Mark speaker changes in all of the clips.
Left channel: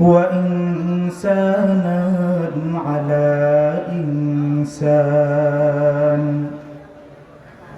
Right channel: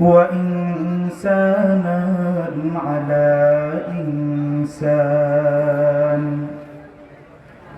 Speaker 1: وإنسانا على إنسان.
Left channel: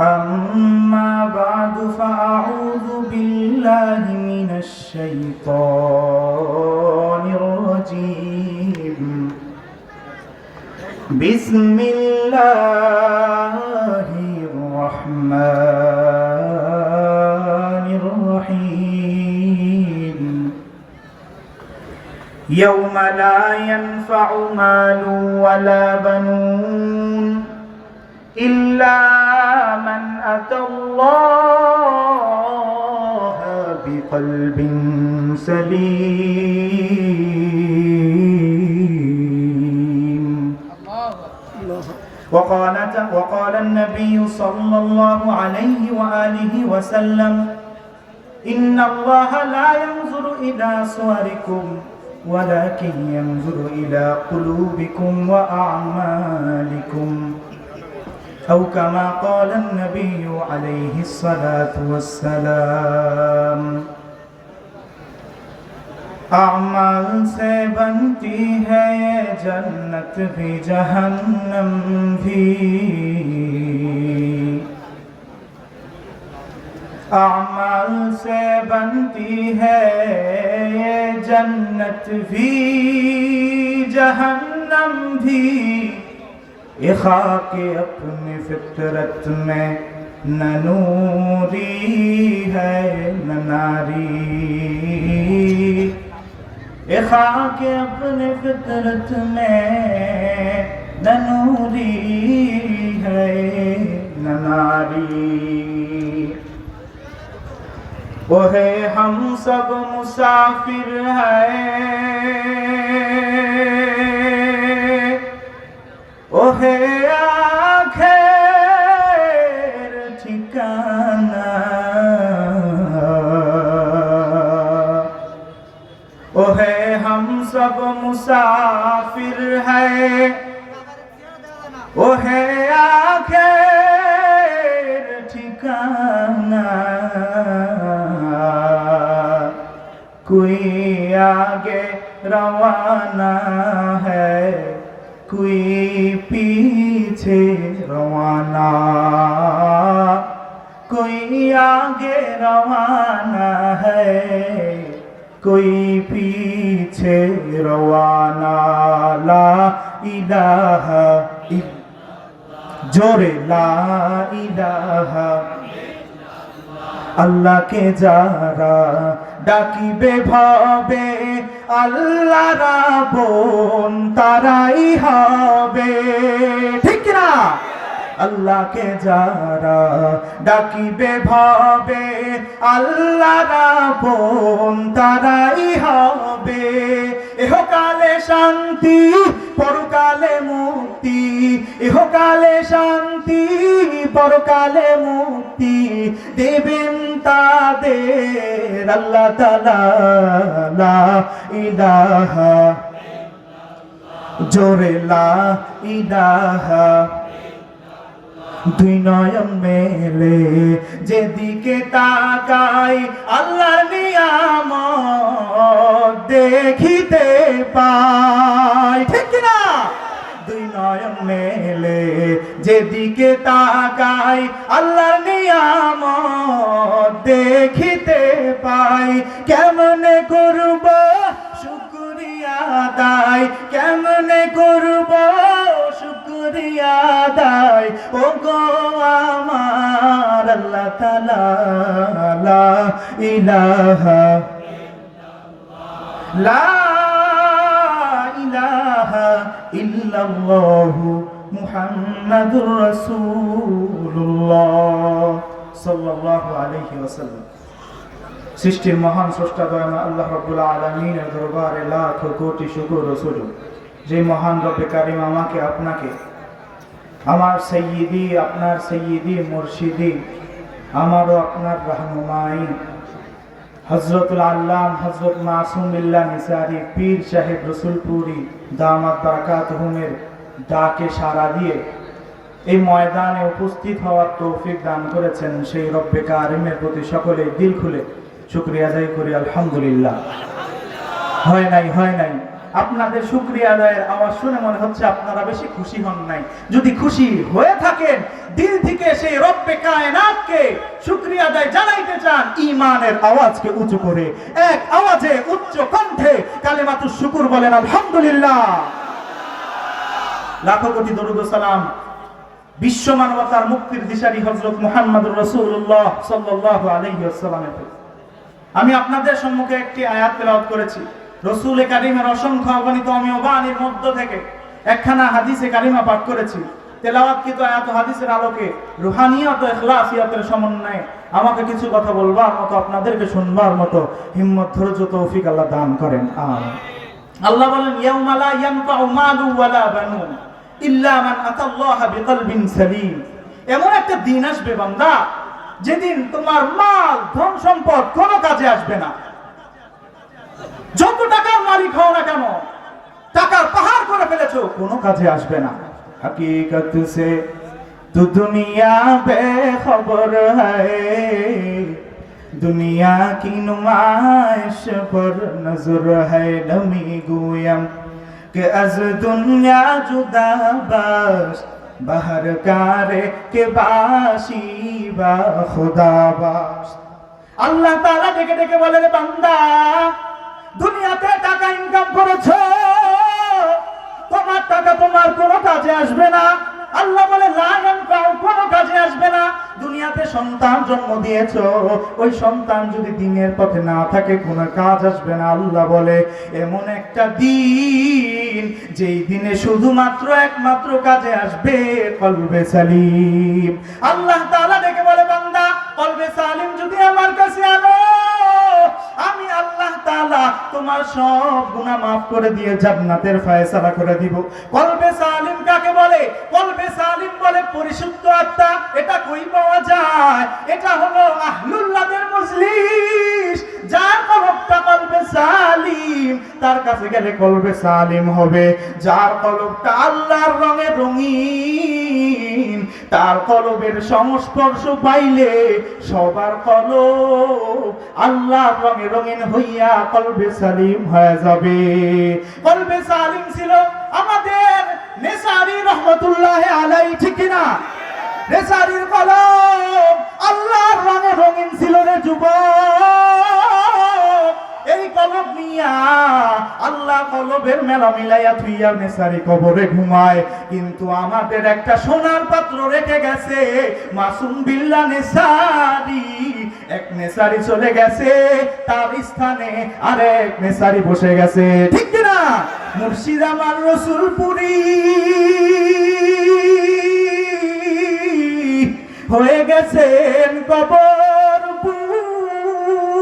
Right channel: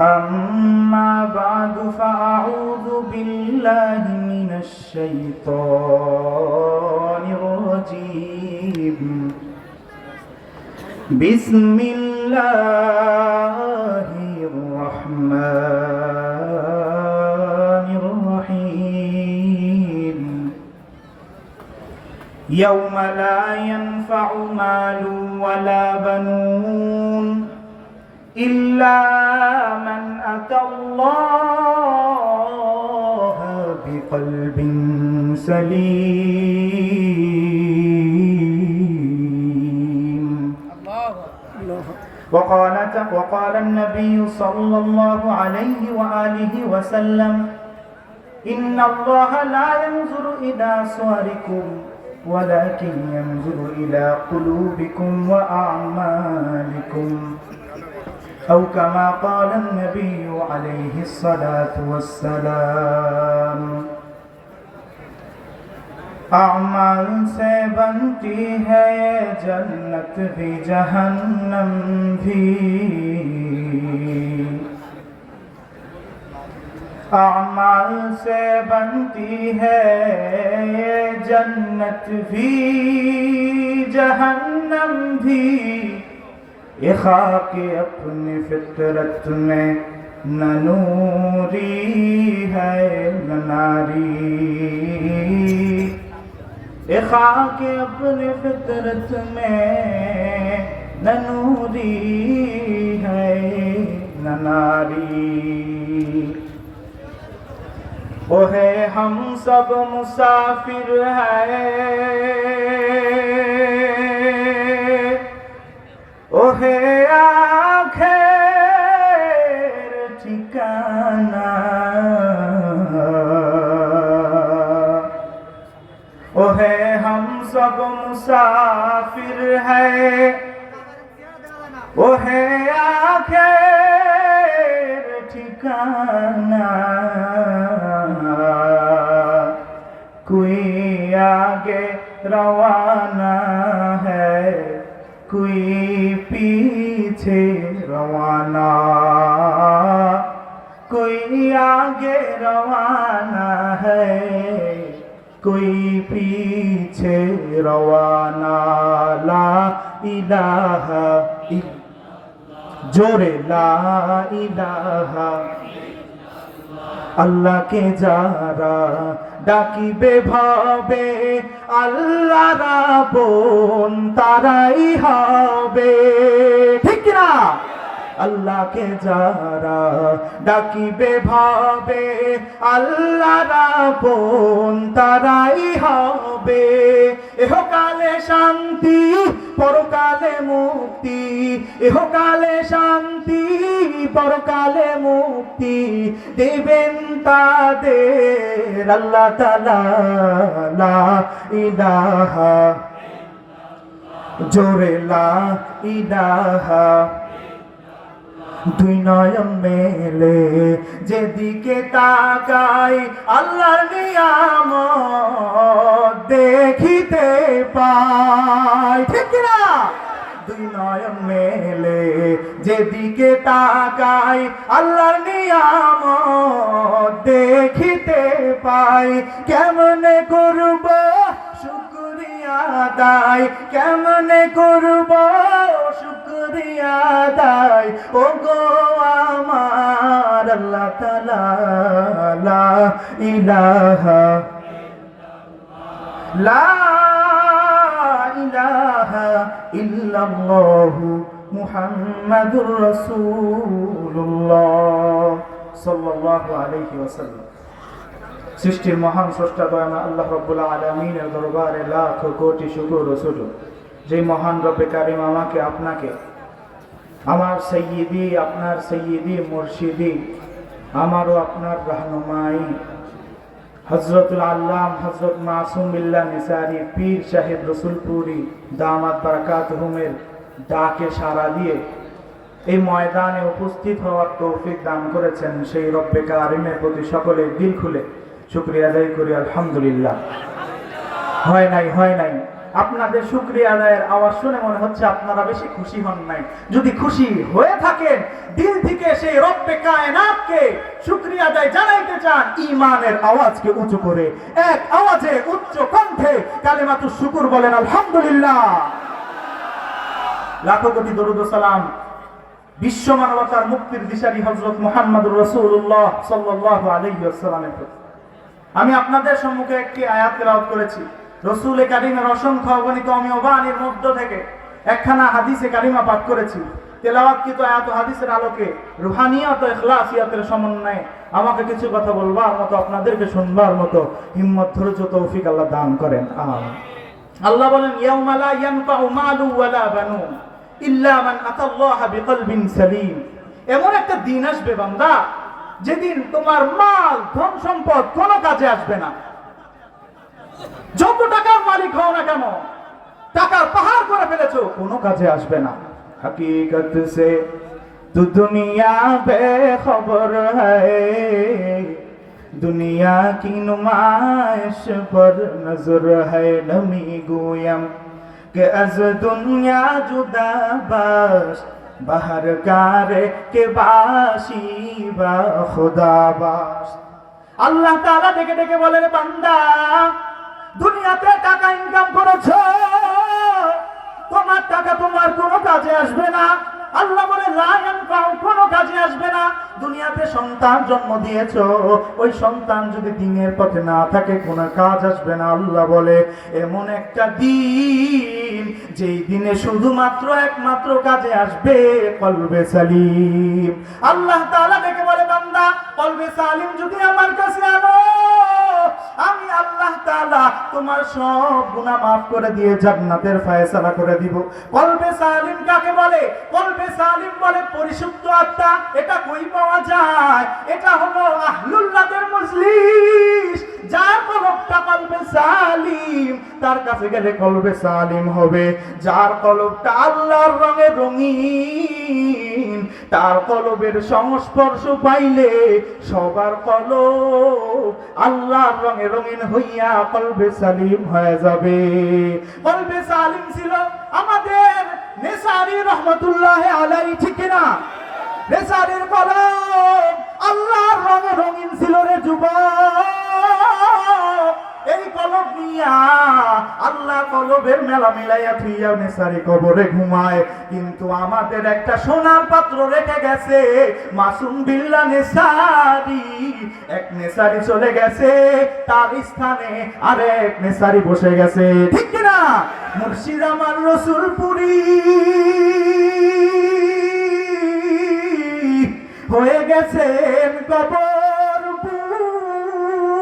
Speaker 1: أما بعد فأعوذ بالله من الشيطان الرجيم. بسم الله الرحمن يوم لا ينفع مال ولا بنون إلا من أتى الله بقلب سليم. وقال وقال النبي صلى الله عليه وآله وسلم إن الله لا ينظر إلى صوركم ولكن ينظر إلى قلوبكم وأعمالكم. أو كما قال النبي عليه الصلاة والسلام أعمال سے بنتی ہے جنت بھی جہنم بھی اعمال سے بنتی ہے جنت بھی، جہنم بھی۔ خاک اپنی فطرت میں نہ نوری ہے، نہ ناری۔ خاک اپنی فطرت میں نہ نوری ہے، نہ ناری۔ ओहे हम सब मुसाफिर हैं ओहे आखिर ठिकाना ओहे हम सब मुसाफिर हैं ओहे आखिर ठिकाना کوئی آگے روانہ ہے کوئی پیچھے روانہ کوئی آگے روانہ ہے کوئی پیچھے روانہ لا الہ جوڑے لا الہ আল্লাহকে যারা ডাকিবে ভাবে, আল্লাহ বোন তারাই হবে। ঠিক না আল্লাহকে যারা ডাকিবে ভাবে, আল্লাহ বোন তারাই হবে। এহকালে শান্তি পরকালে মুক্তি, ইহকালে শান্তি, পরকালে মুক্তি দেবেন তাদের আল্লাহ তালা লা ইলাহা জোরে লা ইলাহা। দুই নয়ন মেলে যেদিকে তাকাই আল্লাহ নিয়াম দেখিতে দুই নয়ন মেলে। যেদিকে তাকাই আল্লাহ নিয়াম দেখিতে পাই। কেমনে করব? শুক্রিয়া দায় কেমনে করব? শুক্রিয়া ও গো আমার আল্লাহ তালা ইলাহা লা ইলাহা ইল্লাল্লাহু মুহাম্মাদুর রাসূলুল্লাহ সাল্লাল্লাহু আলাইহি ওয়াসাল্লাম। সৃষ্টির মহান স্রষ্টা দয়ামা আল্লাহ রব্বুল আলমিনের দরবারে লাখ কোটি শুকুর সুযোগ যে মহান রব্বে কারিম আমাকে, আপনাকে, আমার সৈয়দি আপনার সৈয়দি মুর্শিদি আমারও আপনার রাহনুমাই। হজরতুল আল্লাহ হজরত মাসুমিল্লা নিসারি পীর সাহেব রসুলপুরি দামাত বারাকাত হুমের ডাকে সাড়া দিয়ে এই ময়দানে উপস্থিত হওয়ার তৌফিক দান করেছেন সেই রব্বে কারিমের প্রতি সকলে দিল খুলে। শুক্রিয়া আদায় করি, আলহামদুলিল্লাহ। হয় নাই হয় নাই। আপনাদের শুক্রিয়া আদায়ের আওয়াজ শুনে মনে হচ্ছে আপনারা বেশি খুশি হন নাই। যদি খুশি হয়ে থাকেন, দিল থেকে সেই রব্বে কায়নাতকে শুক্রিয়া আদায় জানাইতে চান ইমানের আওয়াজকে উঁচু করে, এক আওয়াজে উচ্চ কণ্ঠে কালেমাতুর শুকুর বলেন, আলহামদুলিল্লাহ। লাখো কোটি দরুদ সালাম বিশ্ব মানবতার মুক্তির দিশারি হজরত মুহাম্মদুর সাল্লাল্লাহু আলাইহি ওয়াসাল্লামের আমি আপনাদের সম্মুখে একটি আয়াত তেলাওয়াত করেছি। রসুল কারিমের অসংখ্য অগণিত অমীয় বাণীর মধ্য থেকে একখানা হাদিসে কারিমা পাঠ করেছি। তেলাওয়াতকৃত হাদিসের আলোকে রুহানিয়াত সমন্বয়ে আমাকে কিছু কথা বলবার মতো, আপনাদেরকে শুনবার মতো হিম্মত, ধৈর্য, তৌফিক আল্লাহ দান করেন। আল্লাহ বলেন মালু ওয়ালা ইল্লা মান আতাল্লাহ বিকলবিন সালিম। এমন একটা দিন আসবে বান্দা, যেদিন তোমার মাল, ধন সম্পদ কোনো কাজে আসবে না। যত টাকার মালিক হও না কেন টাকার পাহাড় করে ফেলেছো কোনো কাজে আসবে না। হাকিকত সে তু দুনিয়া বে খবর হে দুনিয়া কি নুমাইশ পর নজর হে ডমি গুয়াম কে আজ দুনিয়া জুদা বাস বাহার কারে কে বাসি বা খুদা বাস আল্লাহ তাআলা ডেকে ডেকে বলে বান্দা দুনিয়াতে টাকা ইনকাম করেছ, তোমার টাকা তোমার কোনো কাজে আসবে না। আল্লাহ বলে লাগান পাও কোনো কাজে আসবে না। দুনিয়াতে সন্তান জন্ম দিয়েছ, ওই সন্তান যদি দিনের পথে না থাকে, কোনো কাজ আসবে না। আল্লাহ বলে, এমন একটা দিন, যেই দিনে শুধুমাত্র একমাত্র কাজে আসবে কলবে সালিম। আল্লাহ তাআলা ডেকে বলে, বান্দা, কলবে সালিম যদি আমার কাছে আনো আমি আল্লাহ তাআলা তোমার সব গুনাহ মাফ করে দিয়ে জান্নাতের ফয়সালা করে দিব। কলবে সালিম কাকে বলে? কলবে সালিম বলে পরিশুদ্ধ আত্মা। এটা কই পাওয়া যায়? এটা হলো আহলুল্লাহদের মজলিস। তার কাছে গেলে কলবে সালিম হবে। যার কলবটা আল্লাহর রঙে রঙিন, তার কলবের সংস্পর্শ পাইলে সবার কলব আল্লাহর রঙে রঙিন হইয়া কলবে সালিম হয়ে যাবে। কলবে সালিম ছিল আমাদের নেসারি রহমতুল্লাহ আলাই, ঠিক না নেসারির কলম আল্লাহর রঙে রঙিন ছিল রে এই কলব আল্লাহ কলবের মেলা মিলাইয়া থুইয়া কবরে ঘুমায়। কিন্তু আমাদের একটা সোনার পাত্র রেখে গেছে। মাসুম বিল্লা নেসারি এক নেসারি চলে গেছে। তার স্থানে আরেক নেসারি বসে গেছে। ঠিক না মুর্শিদ আমার রসুলপুরি। হয়ে গেছেন কবর পুরি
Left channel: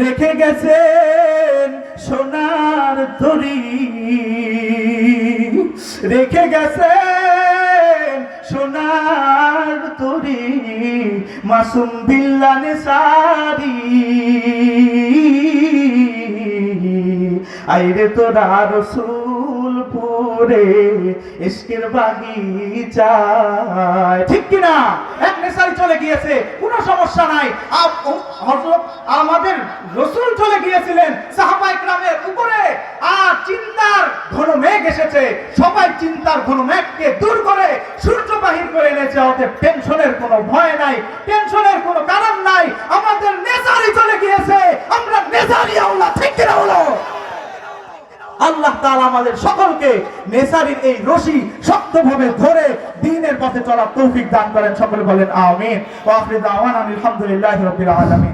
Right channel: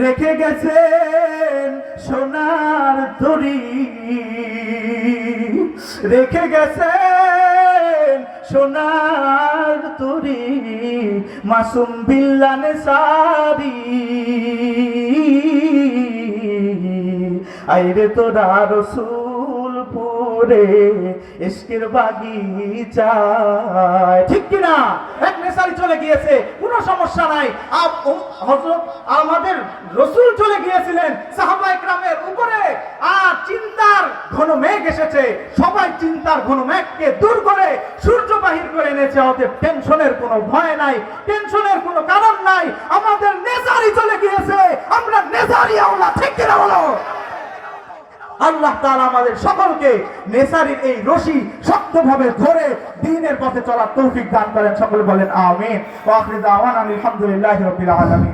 Speaker 1: রেখে গেছেন সোনার তরি রেখে গেছেন সোনার তরি মাসুম বিল্লানে সারি। আইরে তোরা রসুল। পুরে ইশকের বাগিচায় ঠিক কিনা? এক নেশারি চলে গিয়েছে, কোনো সমস্যা নাই। হযরত আমাদের রসুল চলে গিয়েছিলেন সাহাবা ইকরামের উপরে, আর চিন্তার ঘন মেঘ এসেছে। সবাই চিন্তার ঘন মেঘকে দূর করে সূর্য বাহির করে এনেছে। অতএব টেনশনের কোনো ভয় নাই, টেনশনের কোনো কারণ নাই। আমাদের নেশারি চলে গিয়েছে, আমরা নেশারি আওলা ঠিক কিনা বলো? আল্লাহ তালা আমাদের সকলকে নেশারির এই রশি শক্তভাবে ধরে দিনের পথে চলার তৌফিক দান করেন। সকলে বলেন, আমিন। আলহামদুলিল্লাহ রবিল আলমিন।